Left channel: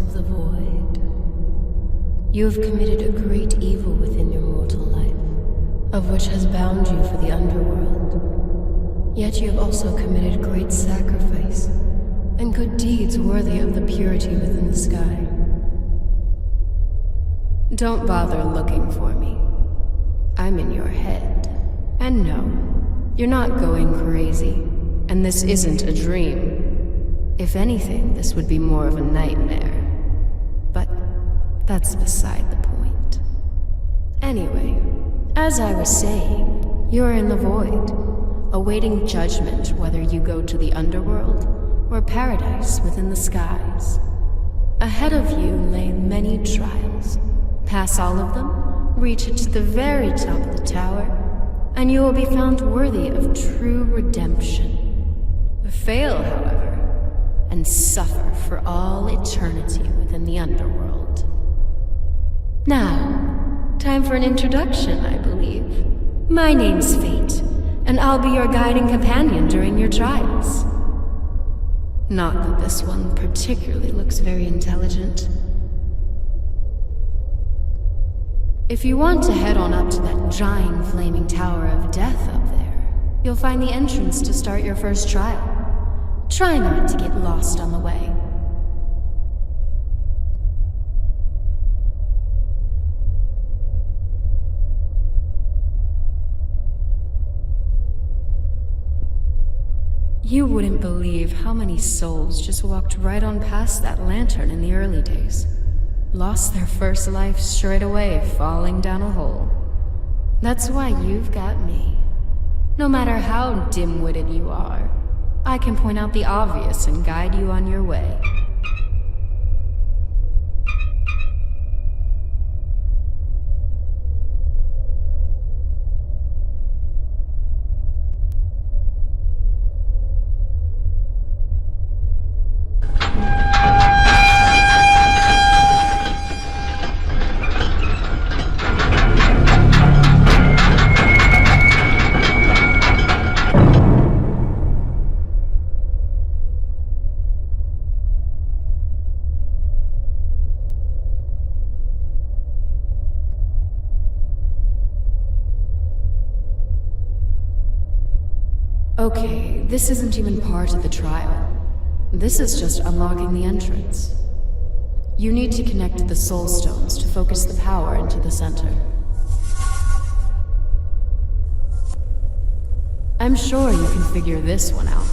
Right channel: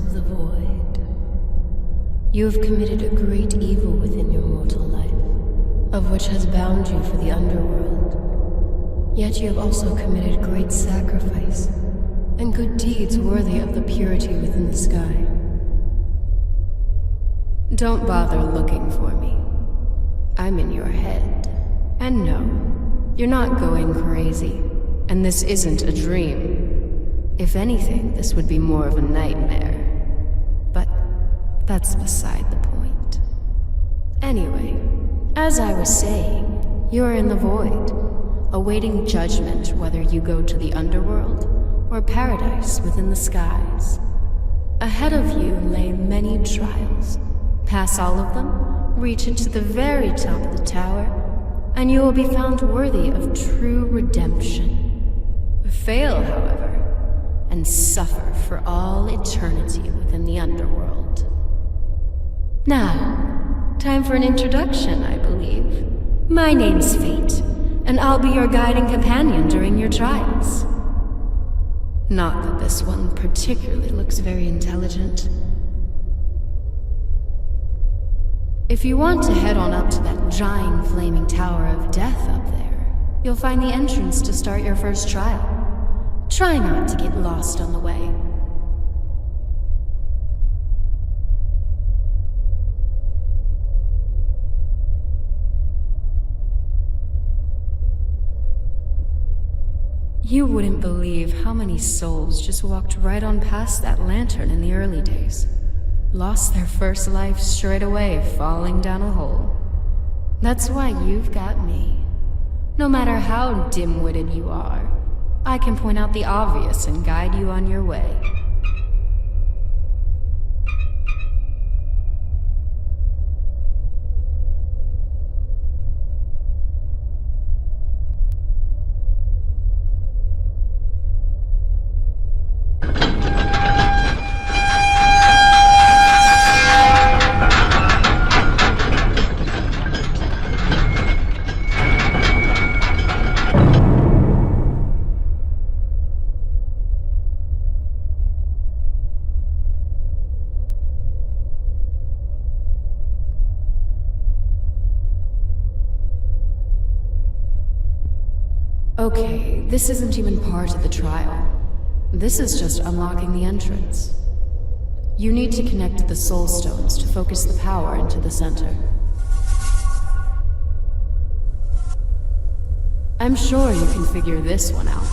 of the void. You have committed a great evil within your mortal life, of which has bound you for the underworld. Yet you have also committed great sacrifice, and good deeds worthy of the purity within the sky. Don't bother looking for me. I'm in your head. And no, you're not going crazy, and this isn't a dream. If anything, this would be more of a nightmare. But that's beside the point. Anyway, as I was saying, you're in the void, awaiting judgment whether you go to the underworld or paradise within the skies. Ahead of you lay many trials. Pass all of them, reach it to the very top of the tower, and you will be found worthy of true redemption. Fail, however, and suffer for all eternity within the underworld. Now, time for an introduction, I believe. My name's Fate, and I'll be your guiding companion during your trials. Not that this one particularly looks very intelligent. If you want to head on up to that giant flaming tower of death up there, you'll find the entrance to start your first trial. Try not to get lost on the way. You wouldn't believe how many souls just walked right on past that lantern in the early days. Lost their first life straight away, falling down a hole. That's why you've got me. No matter how dim-witted you are, I can point out the obvious and guide you on your way. Okay, this isn't even part of the trial. This is just unlocking the entrance. You need to connect the soul stones to focus the power into the center. I'm sure you can figure this one out.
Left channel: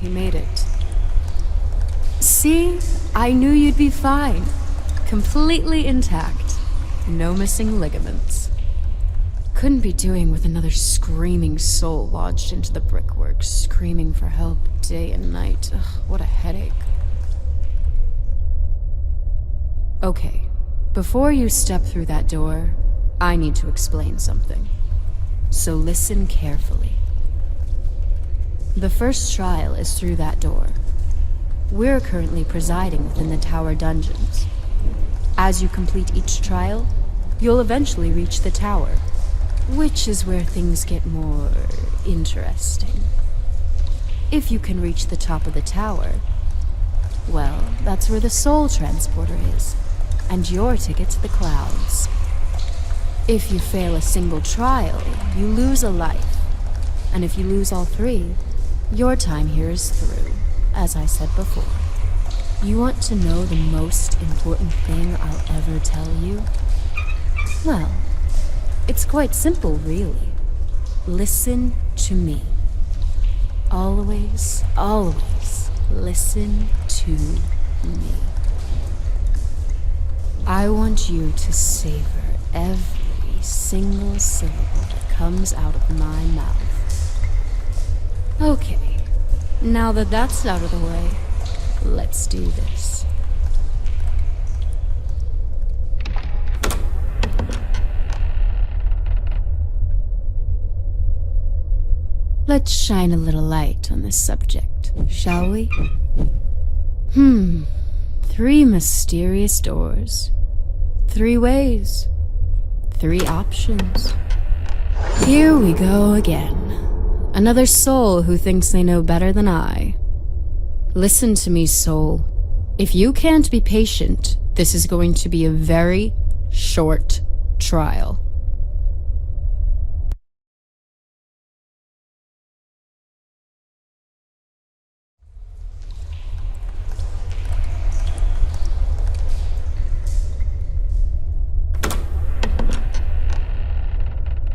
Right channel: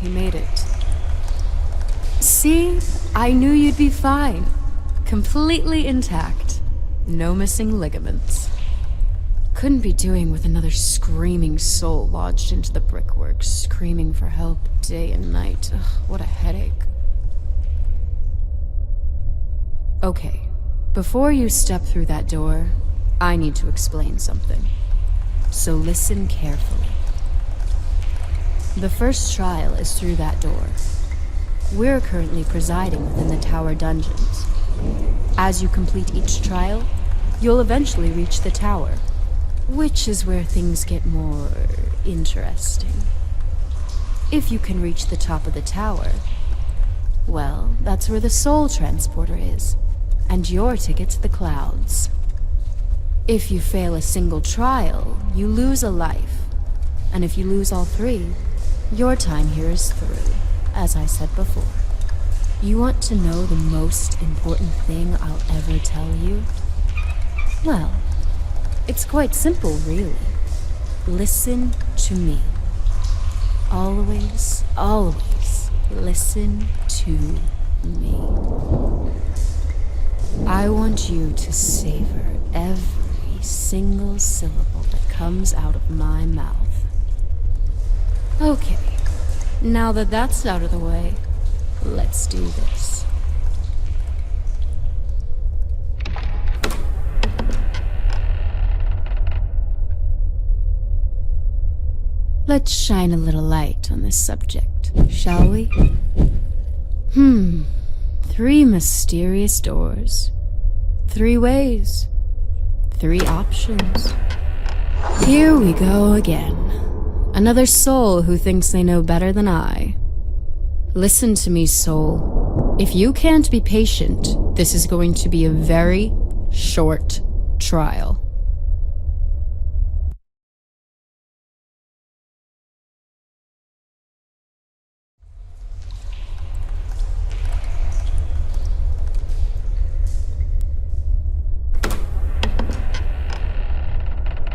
he made it. See? I knew you'd be fine. Completely intact. No missing ligaments. Couldn't be doing with another screaming soul lodged into the brickwork, screaming for help day and night. Ugh, what a headache. Okay, before you step through that door, I need to explain something. So listen carefully. The first trial is through that door. We're currently presiding within the tower dungeons. As you complete each trial, you'll eventually reach the tower, which is where things get more interesting. If you can reach the top of the tower, well, that's where the soul transporter is, and your ticket to the clouds. If you fail a single trial, you lose a life, and if you lose all three, your time here is through, as I said before. You want to know the most important thing I'll ever tell you? Well, it's quite simple, really. Listen to me. Always, always listen to me. I want you to savor every single syllable that comes out of my mouth. Okay, now that that's out of the way, let's do this. Let's shine a little light on this subject, shall we? 3 mysterious doors. 3 ways. 3 options. Here we go again. Another soul who thinks they know better than I. Listen to me, soul. If you can't be patient, this is going to be a very short trial.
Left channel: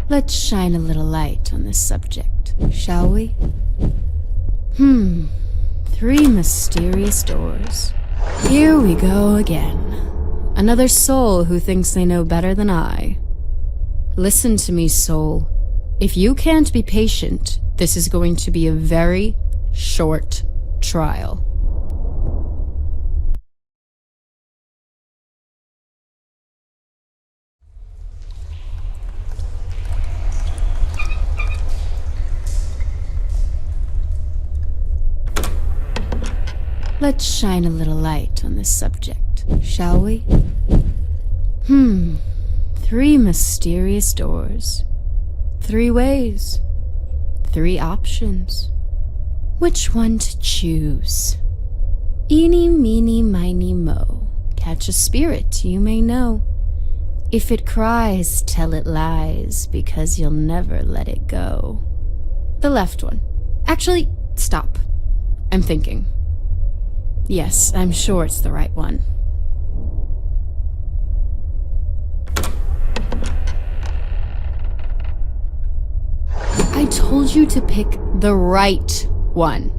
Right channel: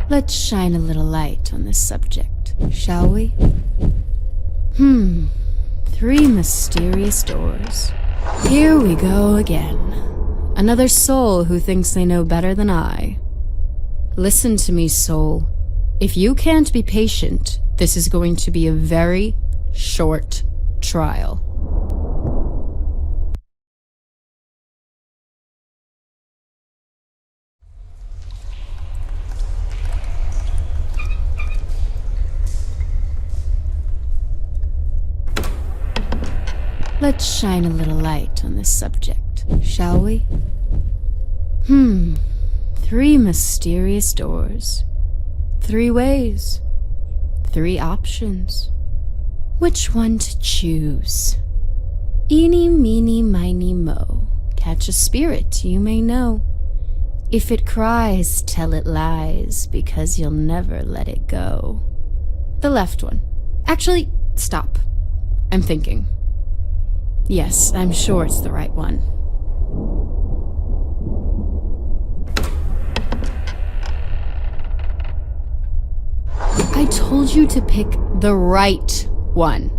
Let's shine a little light on this subject, shall we? 3 mysterious doors. Here we go again. Another soul who thinks they know better than I. Listen to me, soul. If you can't be patient, this is going to be a very short trial. Let's shine a little light on this subject, shall we? 3 mysterious doors. 3 ways. 3 options. Which one to choose? Eeny, meeny, miny, mo. Catch a spirit you may know. If it cries, tell it lies, because you'll never let it go. The left one. Actually, stop. I'm thinking. Yes, I'm sure it's the right one. I told you to pick the right one.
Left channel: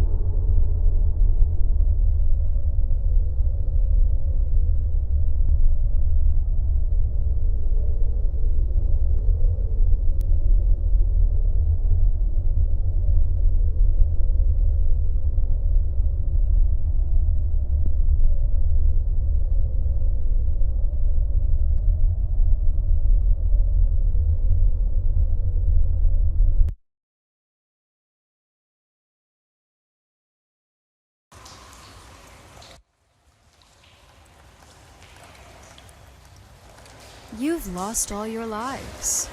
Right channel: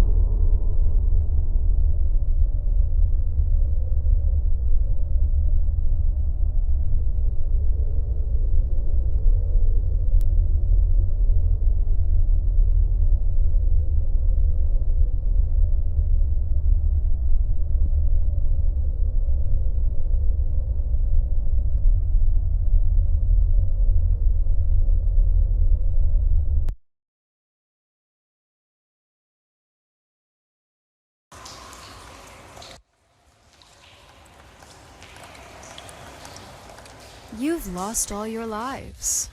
You've lost all your lives.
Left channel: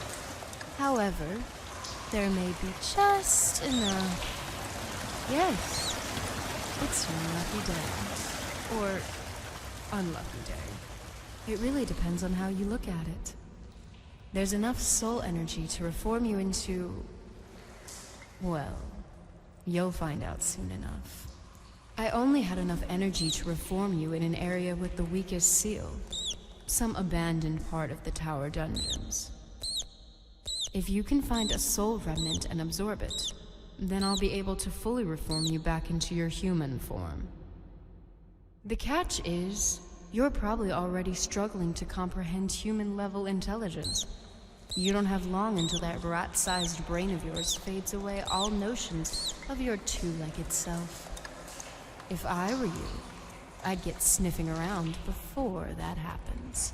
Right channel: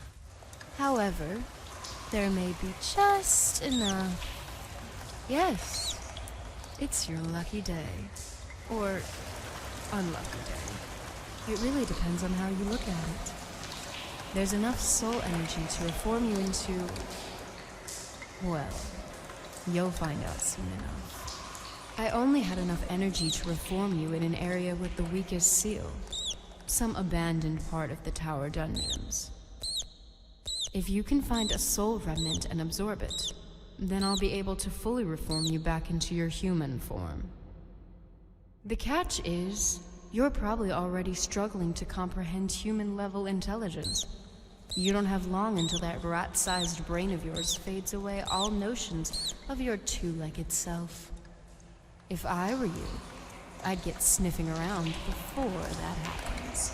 However, there may be just enough. Yes, it's your lucky day. Or unlucky day. It really depends on how you look at it. There's enough soul energy to reform you into... well, you'll find out soon enough. I only had enough energy to reform you in an area with the weakest seal. Some abandoned part of the tower dungeons. If you can find a soul remnant and absorb it, Then I'll be able to fully reform you back into your human form. The catch is, you're probably already struggling to comprehend human-level intelligence. You don't have long until that rat-sized brain of yours fades away all notions of your two-legged self. If I were you, I'd get sniffing around before that happens.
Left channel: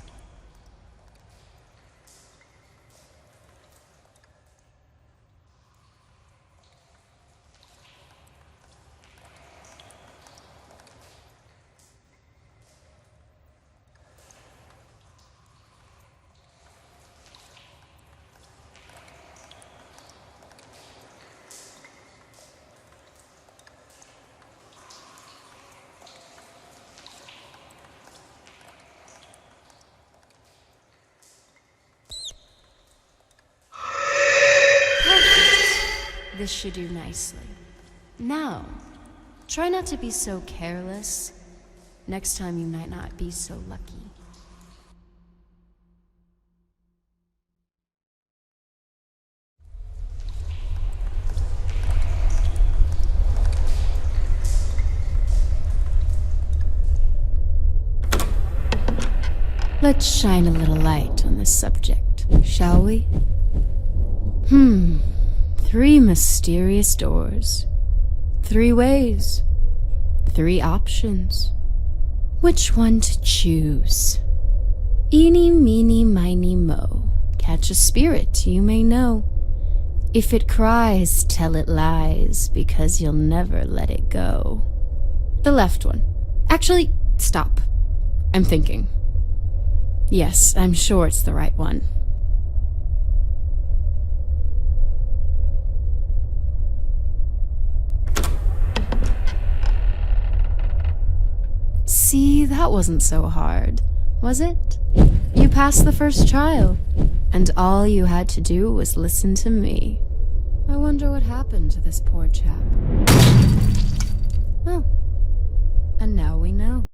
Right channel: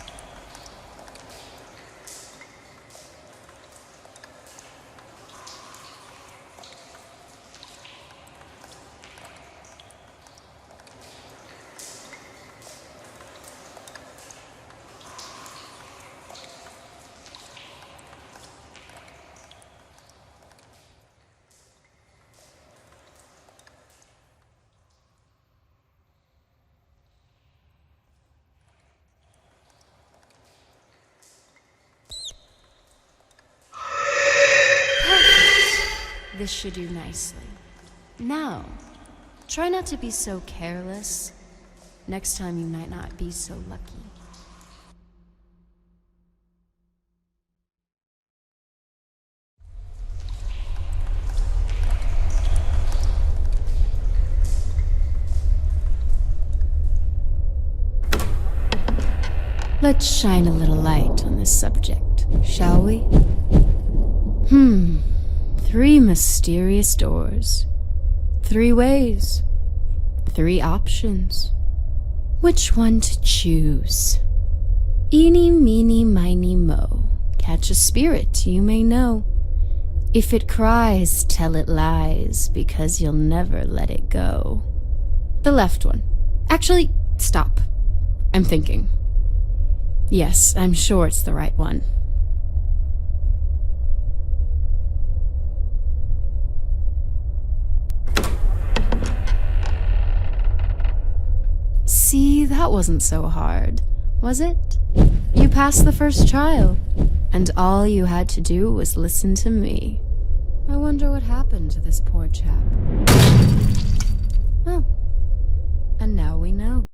This should do nicely. Now, try not to be so careless. Next time you might not be so lucky. Let's shine a little light on this subject, shall we? 3 mysterious doors. 3 ways. 3 options. Which one to choose? Eeny, meeny, miny, mo. Catch a spirit you may know. If it cries, tell it lies, because you'll never let it go. The left one. Actually, stop. I'm thinking. Yes, I'm sure it's the right one. See, that wasn't so hard, was it? You passed the first trial, and all you had to do was listen to me. I wonder what happened to this poor chap. Oh, and now we know.